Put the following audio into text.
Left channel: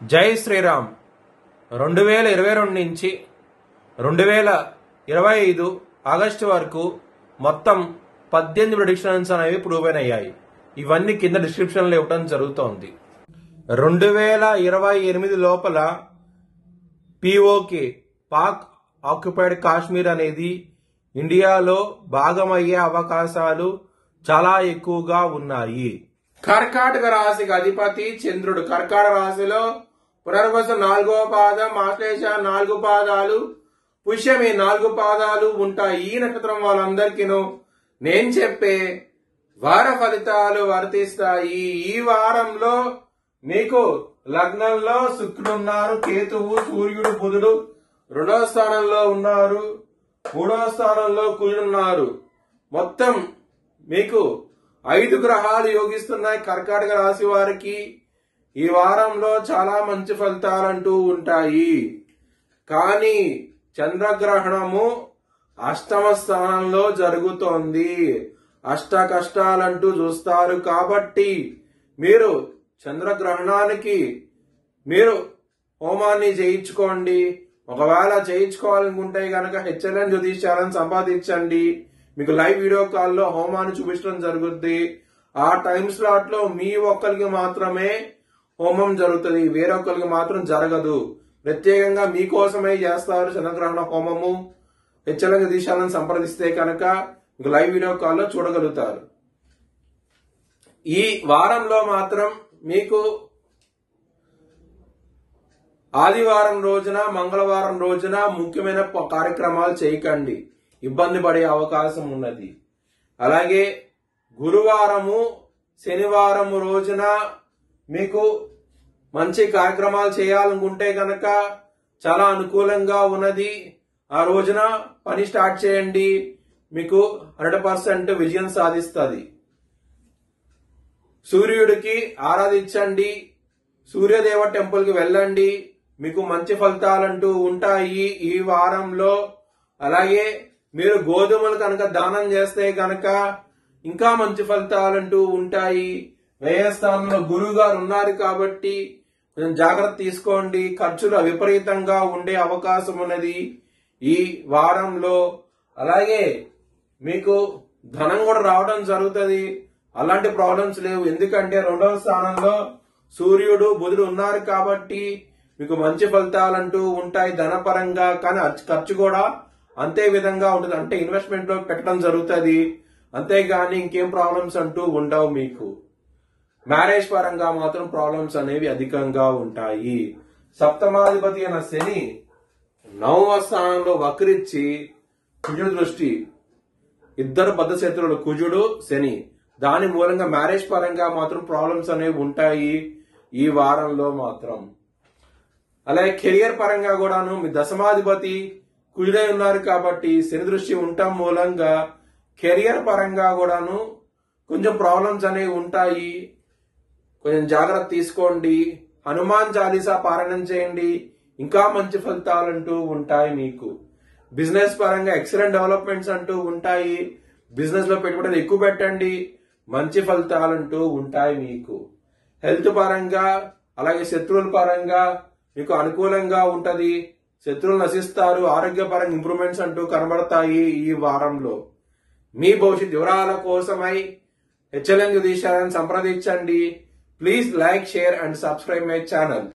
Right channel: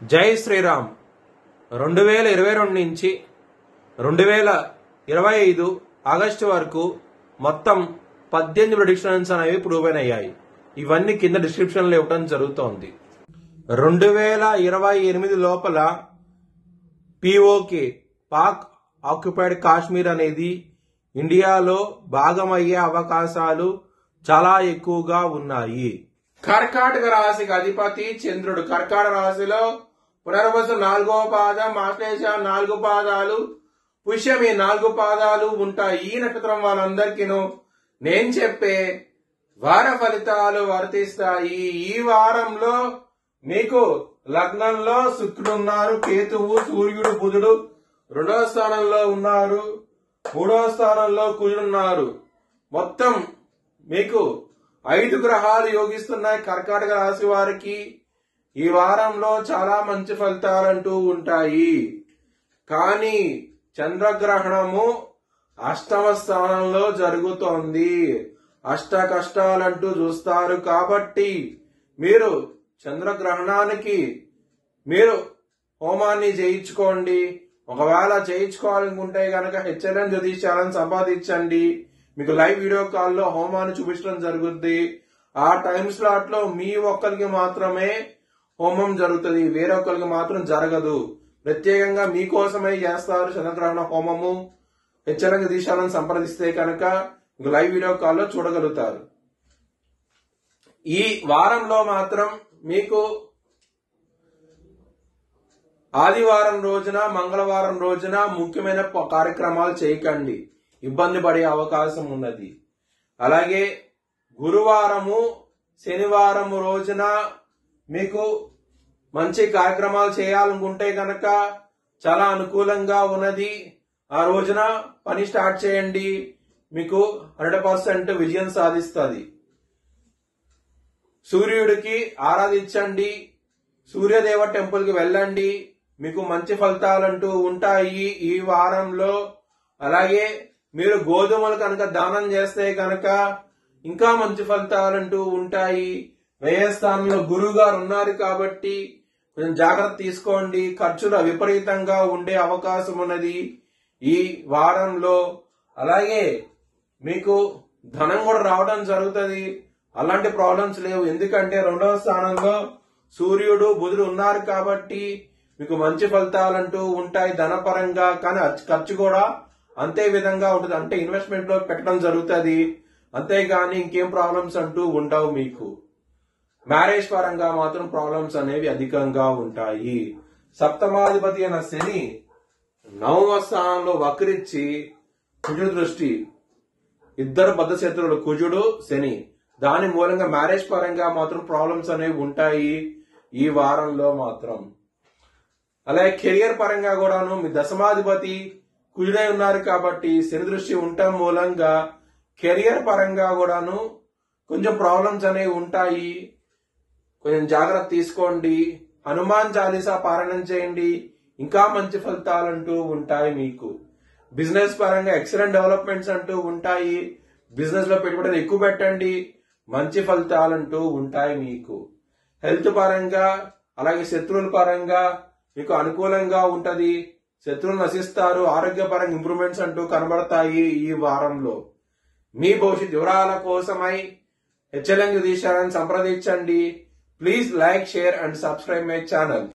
జై శ్రీరామ్. 2022 నుంచి 2025 ఆగస్టు వరకు మొత్తం 18 ప్రెడిక్షన్స్ అనేవి ప్రూవ్ అయ్యాయి. ఇవన్నీ కింద డిస్క్రిప్షన్ లో ఇవ్వడం జరుగుతోంది. 2028 లోపల పిఓకే పాక్ ఆక్యుపైడ్ కాశ్మీర్ అనేది ఇండియాలో భాగమయ్యే అవకాశాలు చాలా ఎక్కువగా ఉన్నాయి. కర్కాటక రాశికి అధిపతి చంద్రుడు. కర్కాటక రాశిలో పునర్వసు 4వ పాదం, ఆశ్లేష 4 పాదాలు, పుష్యమి 4 పాదాలు ఉంటాయి. ఈ నక్షత్రం వాళ్ళందరికీను నేను చెప్పే వార ఫలితాలు వర్తిస్తాయి. ఈ వారంలో మీకు లగ్నంలో శుక్రుడు ఉన్నారు, కేతువు, సూర్యుడు, బుధుడు 2వ స్థానంలో ఉన్నారు, 3వ స్థానంలో కుజుడున్నారు. మొత్తం మీకు 5 గ్రహాలు యోగిస్తున్నాయి. కర్కాటక రాశి వారికి ఈ వారంలో చాలా మంచి ఫలితాలంటూ ఉంటాయి. కానీ చంద్రగ్రహణము 8వ స్థానంలో జరుగుతోంది. అష్ట కష్టాలంటూ చూస్తారు. కాబట్టి మీరు చంద్రగ్రహణానికి మీరు హోమాన్ని చేయించుకోండి. ఒకవేళ చేయించుకోవాలనుకుంటే గనక హెచ్ఎల్ఎన్ జ్యోతిష్యాలను సంపాదించండి. మీకు లైవ్ వీడియో కాల్లో హోమాన్ని చూపించడం జరుగుద్ది. ఆ టైం స్లాట్ లో మీ ఒక్కరికి మాత్రమే హోమం జరుగుతుంది, వేరొకరికి మాత్రం జరగదు. ప్రత్యేకంగా మీకోసమే చేస్తారు చంద్రగ్రహణ హోమము. హెచ్ఎల్ఎన్ జ్యోతిష్యాలను సంప్రదిస్తే కనుక మీకు లైవ్ వీడియో కాల్లో చూడగలుగుతారు. ఈ వారంలో మాత్రం మీకు ఆదివారం రోజున, మంగళవారం రోజున ముఖ్యమైన కార్యక్రమాలు చేయకండి, ఇబ్బంది పడే అవకాశం ఉన్నది. అలాగే గురువారము, శనివారము రోజున మీకు మంచి కార్యక్రమాలు చేయాలనుకుంటే కనుక చాలా అనుకూలంగా ఉన్నది. ఆ రోజున పని స్టార్ట్ చేయండి, మీకు 100% విజయం సాధిస్తుంది. సూర్యుడికి ఆరాధించండి, సూర్యదేవ టెంపుల్ కి వెళ్ళండి, మీకు మంచి ఫలితాలంటూ ఉంటాయి ఈ వారంలో. అలాగే మీరు గోధుమలు కనుక దానం చేస్తే కనుక ఇంకా మంచి ఫలితాలంటూ ఉంటాయి. వ్యయస్థానంలో గురువు గారు ఉన్నారు కాబట్టి కొంచెం జాగ్రత్త తీసుకోండి. ఖర్చులు విపరీతంగా ఉండే అవకాశం ఉన్నది ఈ వారంలో. అలాగే మీకు ధనం కూడా రావడం జరుగుతుంది. అలాంటి ప్రాబ్లమ్స్ లేవు, ఎందుకంటే 2వ స్థానంలో సూర్యుడు, బుధుడు ఉన్నారు కాబట్టి మీకు మంచి ఫలితాలంటూ ఉంటాయి ధనపరంగా. కానీ ఖర్చు కూడా అంతే విధంగా ఉంటుంది, అంటే ఇన్వెస్ట్మెంట్ లో పెట్టడం జరుగుతుంది. అంతేగాని ఇంకేం ప్రాబ్లమ్స్ అంటూ ఉండవు. మీకు మ్యారేజ్ పరంగా మాత్రం ప్రాబ్లమ్స్ అనేవి అధికంగా ఉంటాయి. సప్తమాధిపతి అయిన శని 9వ స్థానంలో వక్రించి కుజుడు దృష్టి, ఇద్దరు బద్ధశత్రువులు కుజుడు, శని. దాని మూలంగా మ్యారేజ్ పరంగా మాత్రం ప్రాబ్లమ్స్ అనేవి ఉంటాయి ఈ వారంలో మాత్రం. అలాగే కెరియర్ పరంగా కూడాను మీ దశమాధిపతి కుజుడై ఉన్నారు కాబట్టి శని దృష్టి ఉండటం మూలంగా కెరియర్ పరంగా కూడాను కొంచెం ప్రాబ్లమ్స్ అనేవి ఉంటాయి. కొంచెం జాగ్రత్త తీసుకోండి. హనుమాన్ చాలీసా పారాయణం చేయండి, ఇంకా మంచి ఫలితాలంటూ ఉంటాయి మీకు. బిజినెస్ పరంగా ఎక్సలెంట్ డెవలప్మెంట్స్ అంటూ ఉంటాయి. బిజినెస్ లో పెట్టుబడులు ఎక్కువ పెట్టండి, మంచి ఫలితాలంటూ ఉంటాయి మీకు. హెల్త్ పరంగా అలాగే శత్రువుల పరంగా మీకు అనుకూలంగా ఉంటది. శత్రువులు నశిస్తారు. ఆరోగ్యపరంగా ఇంప్రూవ్మెంట్స్ అంటూ కనబడతాయి ఈ వారంలో. మీ భవిష్యత్ వివరాల కోసమై హెచ్ఎల్ఎన్ జ్యోతిష్యాలను సంప్రదించండి. Please like, share and subscribe my channel.